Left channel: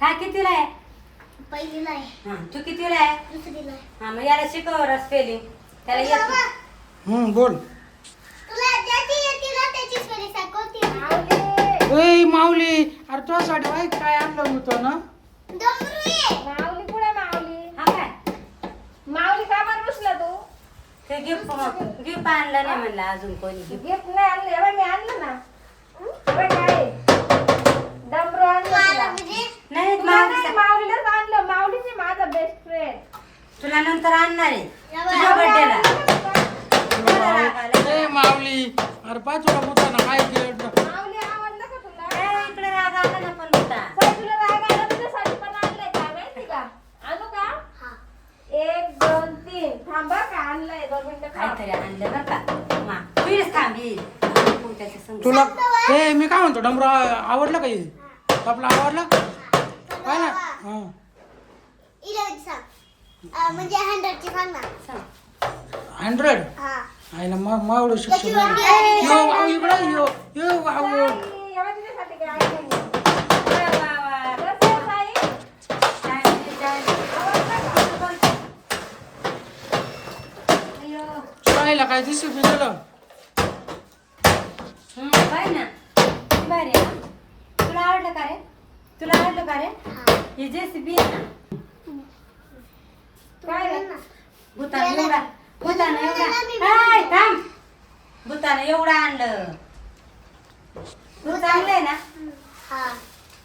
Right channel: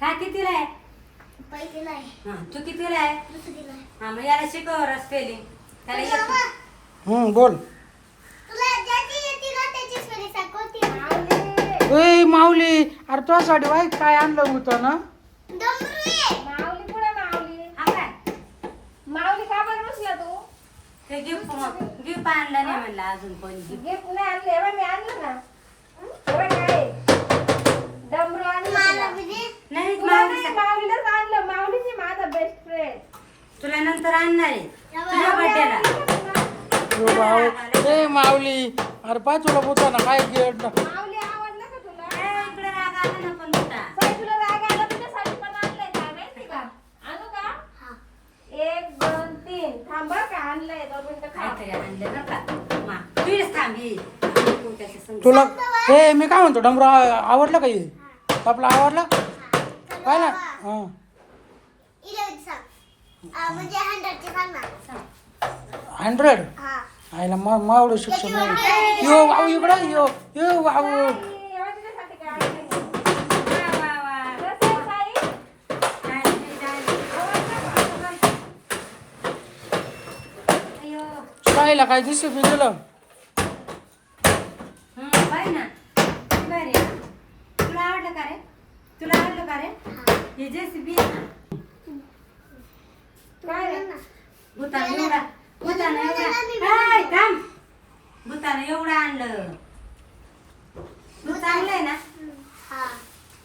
काय कितीला आहे? पहिलीला आहे. हा, तू कितीला आहे? दुसरीला आहे. हा, मग याला शिकव स्पेलिंग. त्याला येत बोल. तुला ज्याची येते ना त्याची स्पेलिंग सांगते. ए माऊली, अरे तुझ्यासाठी वाईट काय आणलं होतं ना? माऊली पुढे माऊली. हा काय? माऊली का बरं बसला तू? ते गिफ्ट आणलं नाही म्हणलं अजून कोणी. गिफ्ट नाही आणलं, एवढं मी आणलं ना. एवढं काय? डमरू आणलं तुला. नाही तुला नाही, माऊलीलाच आणलं. माऊलीची माझा बेस्ट फ्रेंड. तुला नंतर आणणार आहे तुझ्या बड्डेला. ए माऊली, अरे पाय तुला होता ना काय गिफ्ट? माऊली आवडलं का तुला? इकडे राग आला ना पण होता. पण तुला राग आला, तुझ्यासाठी पण आणलंय का माहिती का? आणू का? 1 2 3 थांब बरं का, आणलंय 2 मिनिटं थांब. काहीतरी आणलं बरं का. मा, प्लीज थांबी. त्याच्या संग. तुला ए मी काय म्हणतो डमरू आवडलं का हे? आपलं आवडलं काय ना? हा. म्हणजे 100 ची सांग ना. 100 हा. आईला मावळं शिक्षण नाही. यो बाबू इकडं यो बाबू. एवढं तुझ्यासाठी काय आणलंय? वा, वा, वा. कसं आहे बाई? अय्यो. शाळेला काय दिसत मी दिलं? बाय ना. किती भारी आहे ना? तुला आवडलं का रे? तुला आवडलं का रे? हे जेसीबी आहे ना. काय रे? भूतानं एवढा हाय, थांब. भूतानं एवढं आणलं. तू चांगलंय ना? हा.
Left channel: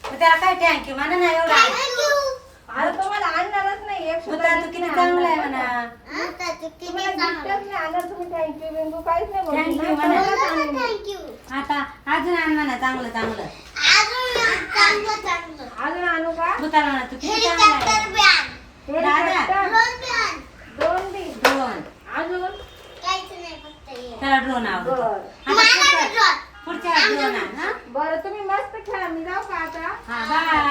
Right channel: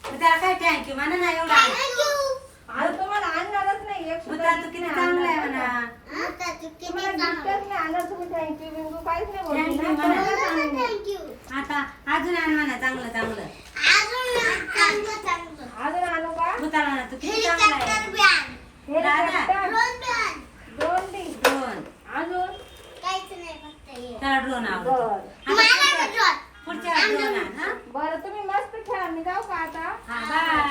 मग त्याला काय टँकी म्हणा ना एवढा आणलं. आता तुम्हाला आणणारच नाही. एक सुद्धा भूतान तू gift किती नाही चांगलं आहे आणणार. म्हणा. आता तू किती तुम्हाला चांगलं. giftच नाही आणणार, तुम्ही थँक्यू बिंकू काहीच नाही बोलत. Thank you नाही, म्हणा. कोणालाच आणलं नाही. थँक्यू. आता अजून आण म्हणा चांगलं चांगलं. अजून चांगलं. अजून आणू का? भूताला म्हणा तू किती चांगलं हेलिकॉप्टर आहे. बॅग. दादा. Helicopter. Drone bag. 2 D. Drone. अजून काहीच नाही फक्त हे. त्याला ड्रोन आवडतो. बर आता मला पुढच्या- ड्रोन. पुढच्या ड्रोन आण हा. बरं, तुम्ही मस्त खेळा. मी जाऊ का आता? हा, बाय.